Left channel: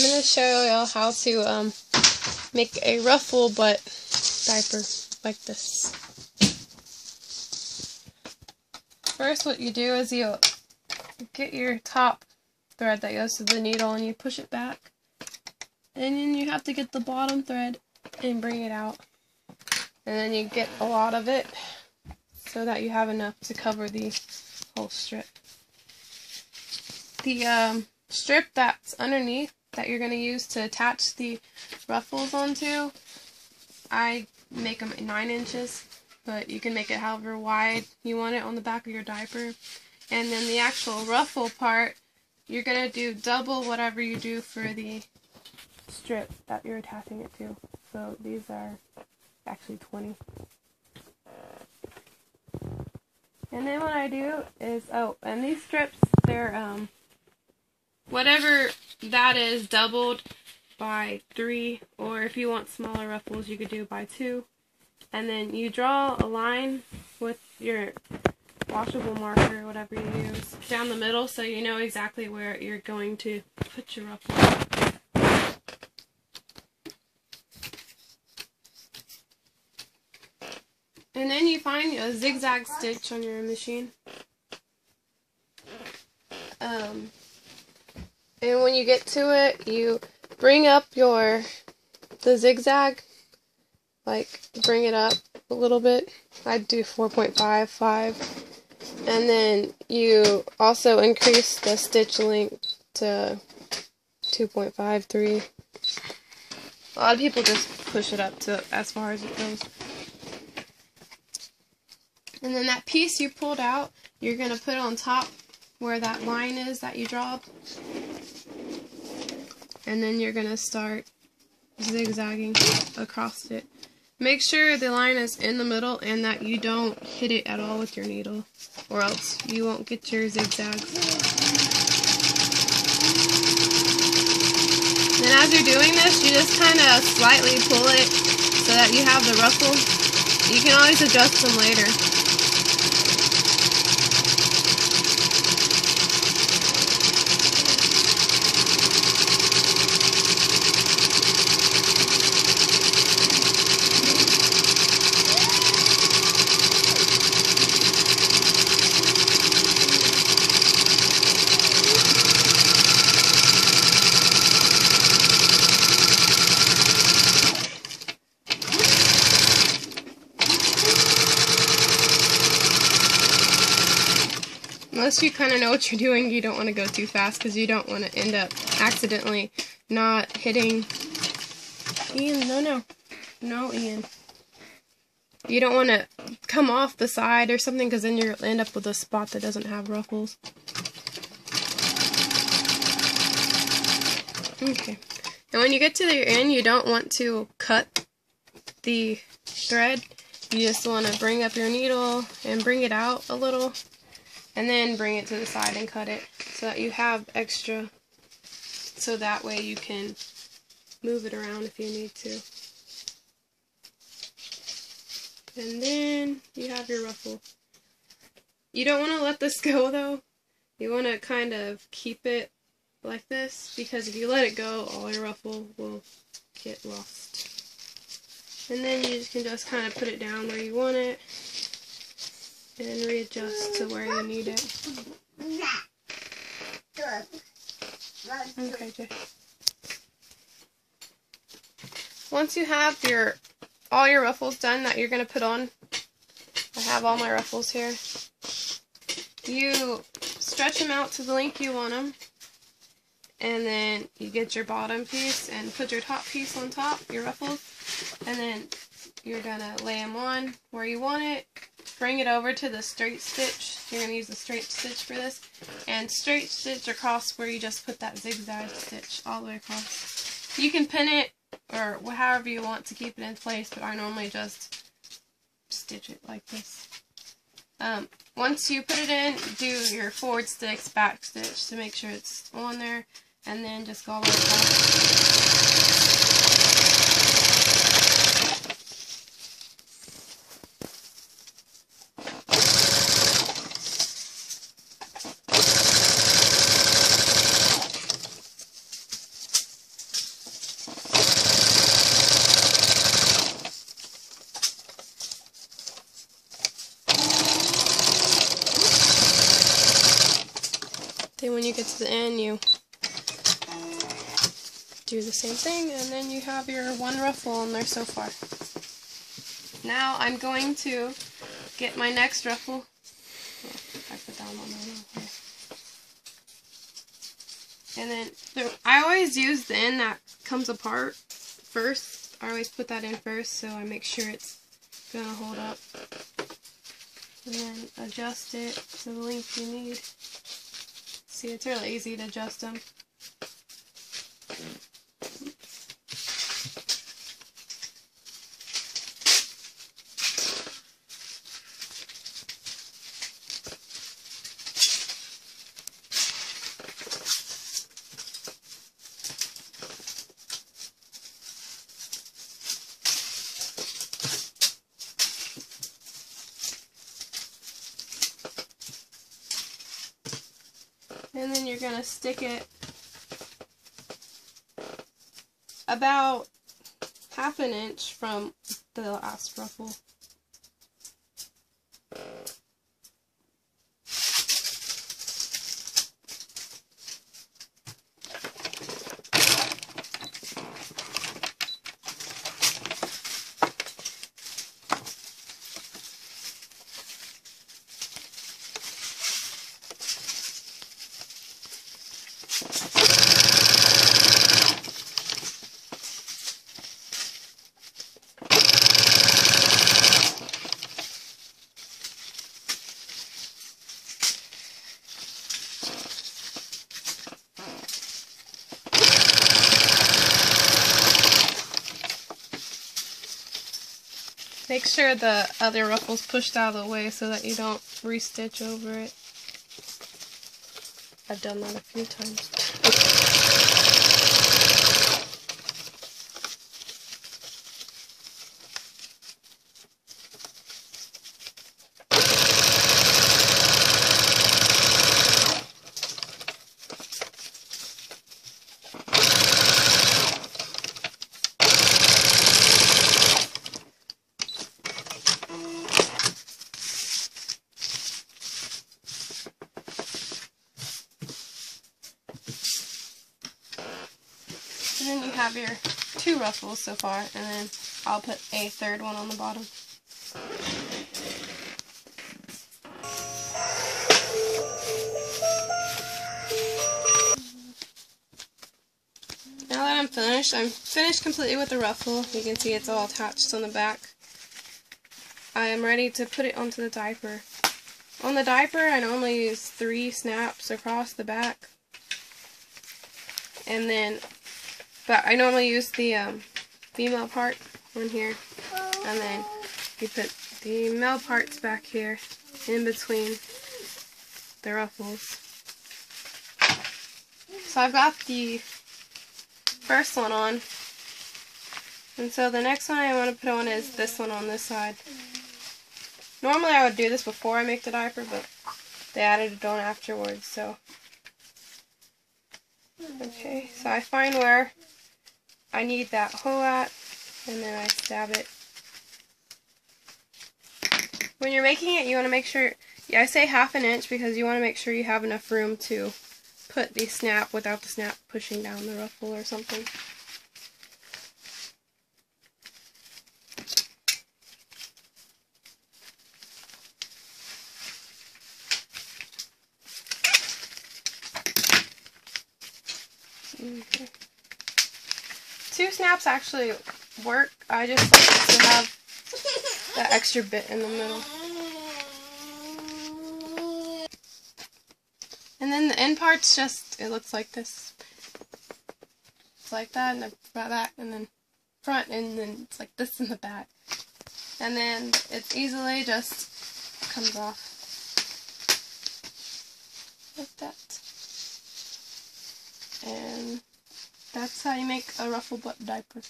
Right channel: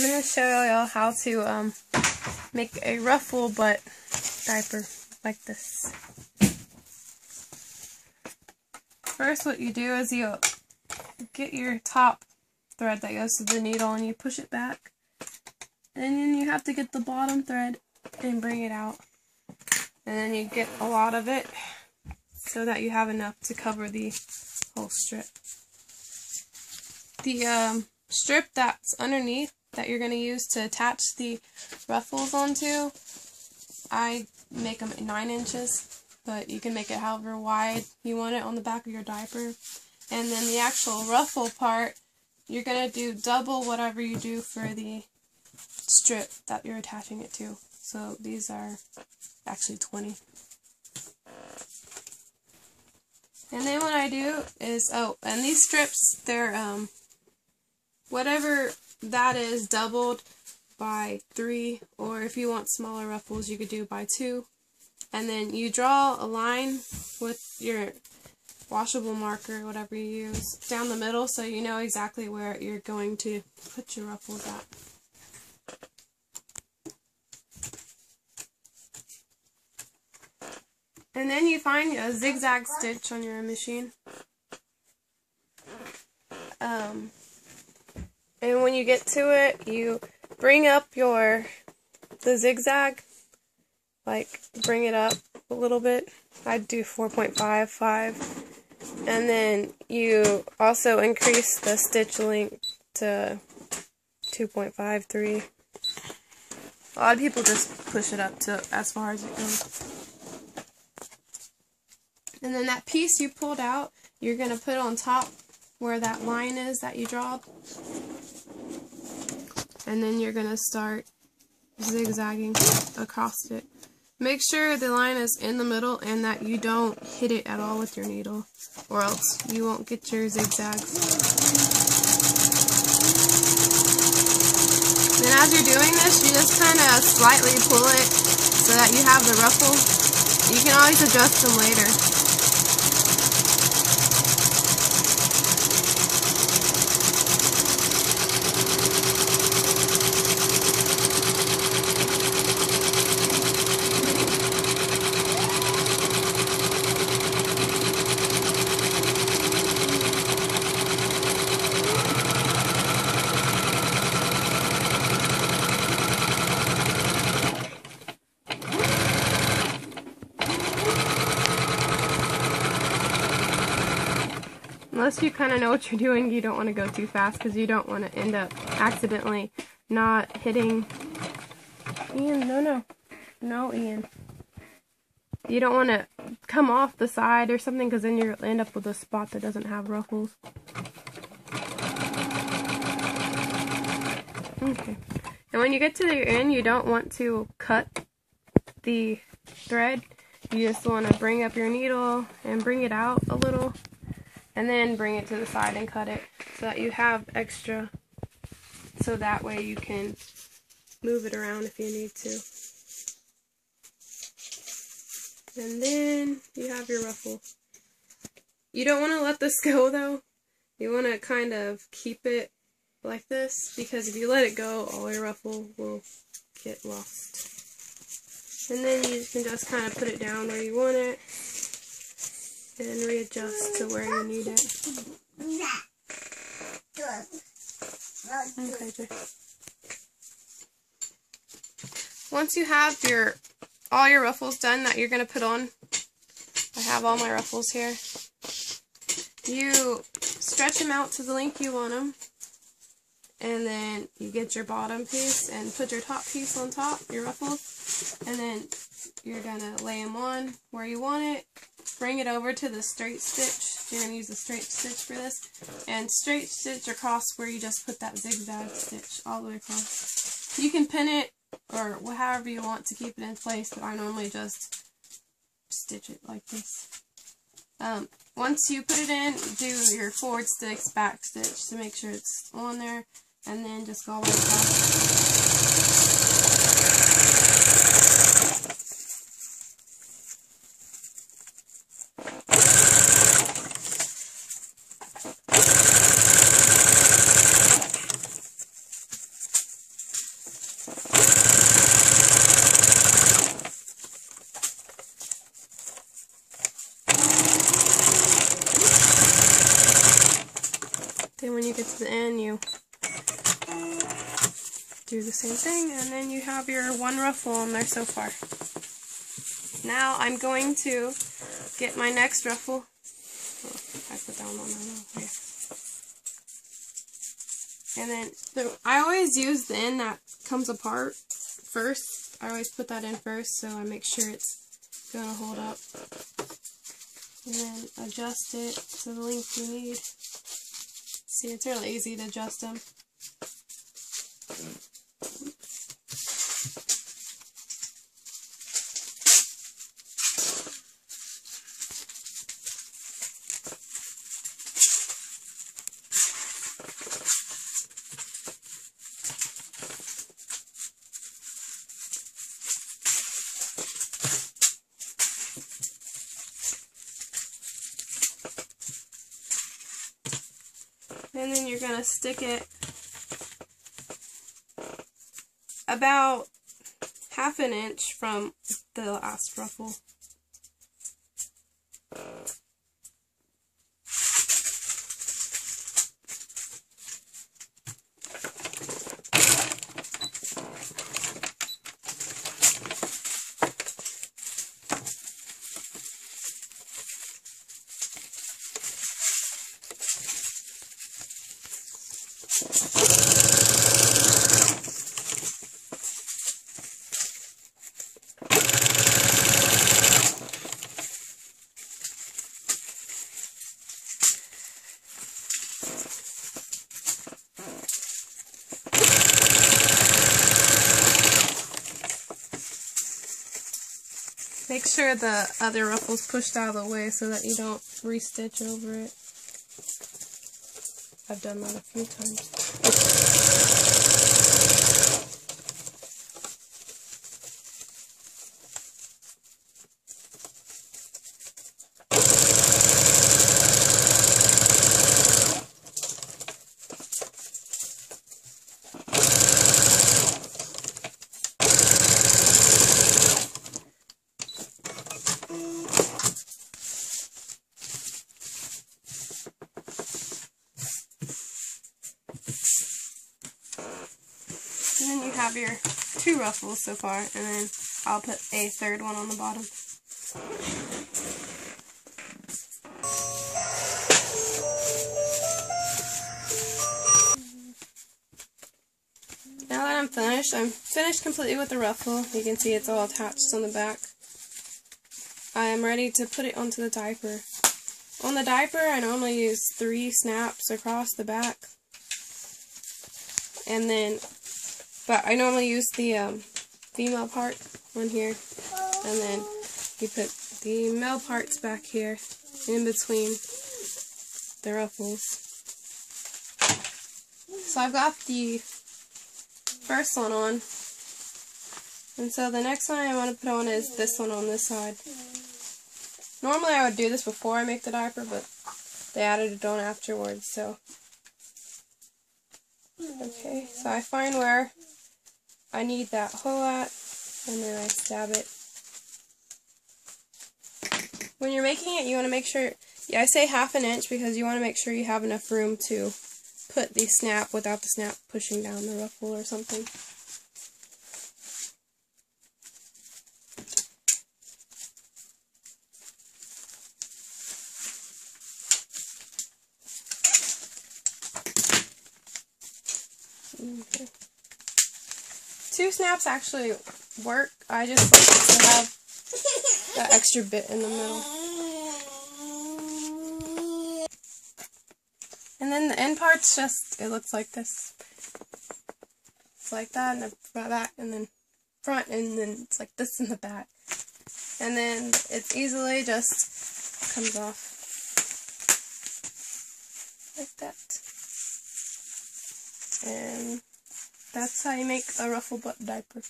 I'm going to show you how to make a ruffle butt diaper like this. First, what you do is you get your top thread that goes to the needle and you push it back. And then you have to get the bottom thread and bring it out. And then you get a lot of it so that you have enough to cover the whole strip. The strip that's underneath that you're going to use to attach the ruffles onto, I make them at 9 inches, but you can make it however wide you want it on the back of your diaper. And then the actual ruffle part, you're going to do double whatever you do for the strip that you're attaching it to. So these are actually 20. And then what I do is, and these strips, they're whatever that is, doubled by 3, or if you want smaller ruffles, you could do by 2. And then you draw a line with your washable marker, whatever you use, down the middle so you know exactly where you're going to put your ruffle. And then you find a zigzag stitch on your machine. And when you get to it, you bring up the zigzag, like bring it up a little bit. I'd do 4.5, 5. And then you also increase the stitch length to 2.5, 3. A lot of people just push it up to as far as it goes. And then that piece you pulled out, you're going to put on top where that line is that you draw. And then you're going to start zigzagging across it. Make sure the line is in the middle and that you don't hit it at all with your needle, or else you won't get your zigzags. And as you're doing this, you just kind of slightly pull it so that you have the ruffle. You can always adjust them later. Unless you kind of know what you're doing, you don't want to go too fast because you don't want to end up accidentally not hitting. Ian, no, Ian. You don't want to come off the side or something because then you'll end up with a spot that doesn't have ruffles. Okay. And when you get to the end, you don't want to cut the thread. You just want to bring up your needle and bring it out a little. And then bring it to the side and cut it so that you have extra, so that way you can move it around if you need to. And then you have your ruffle. You don't want to let this go though. You want to kind of keep it like this, because if you let it go, all your ruffle will get lost. And then you can just kind of put it down where you want it. And readjust to where you need it. Okay, Jay. Once you have all your ruffles done that you're going to put on, I have all my ruffles here. You stretch them out to the length you want them, and then you get your bottom piece and put your top piece on top, your ruffles, and then you're going to lay them on where you want it. Bring it over to the straight stitch. You're going to use the straight stitch for this. And straight stitch across where you just put that zigzag stitch all the way across. You can pin it or however you want to keep it in place, but I normally just stitch it like this. Once you put it in, do your forward stitch, back stitch to make sure it's on there, and then just go all the way across. the end, you do the same thing, and then you have your one ruffle on there so far. Now I'm going to get my next ruffle. Oh, I put down on my here. And then I always use the end that comes apart first. I always put that in first so I make sure it's going to hold up. And then adjust it to the length you need. See, it's really easy to adjust them. And then you're going to stick it about ½ inch from the last ruffle. Make sure the other ruffle's pushed out of the way so that you don't restitch over it. I've done that a few times. And then you have your 2 ruffles so far, and then I'll put a 3rd one on the bottom. Now that I'm finished completely with the ruffle. You can see it's all attached on the back. I am ready to put it onto the diaper. On the diaper, I normally use 3 snaps across the back. And then but I normally use the female part on here, and then you put the male parts back here in between the ruffles. So I've got the first one on, and so the next one I want to put on is this one on this side. Normally I would do this before I make the diaper, but they added it on afterwards, so. Okay, so I find where I need that hole at, and then I stab it. When you're making it, you want to make sure, I say ½ inch because you want to make sure you have enough room to put the snap without the snap pushing down the ruffle or something. Okay. 2 snaps actually work. I just like to have that extra bit in the middle. And then the end part's just, it looks like this. It's like that, and that, and then front, and then it's like this in the back. And then it easily just comes off. Like that. And that's how you make a ruffle butt diaper.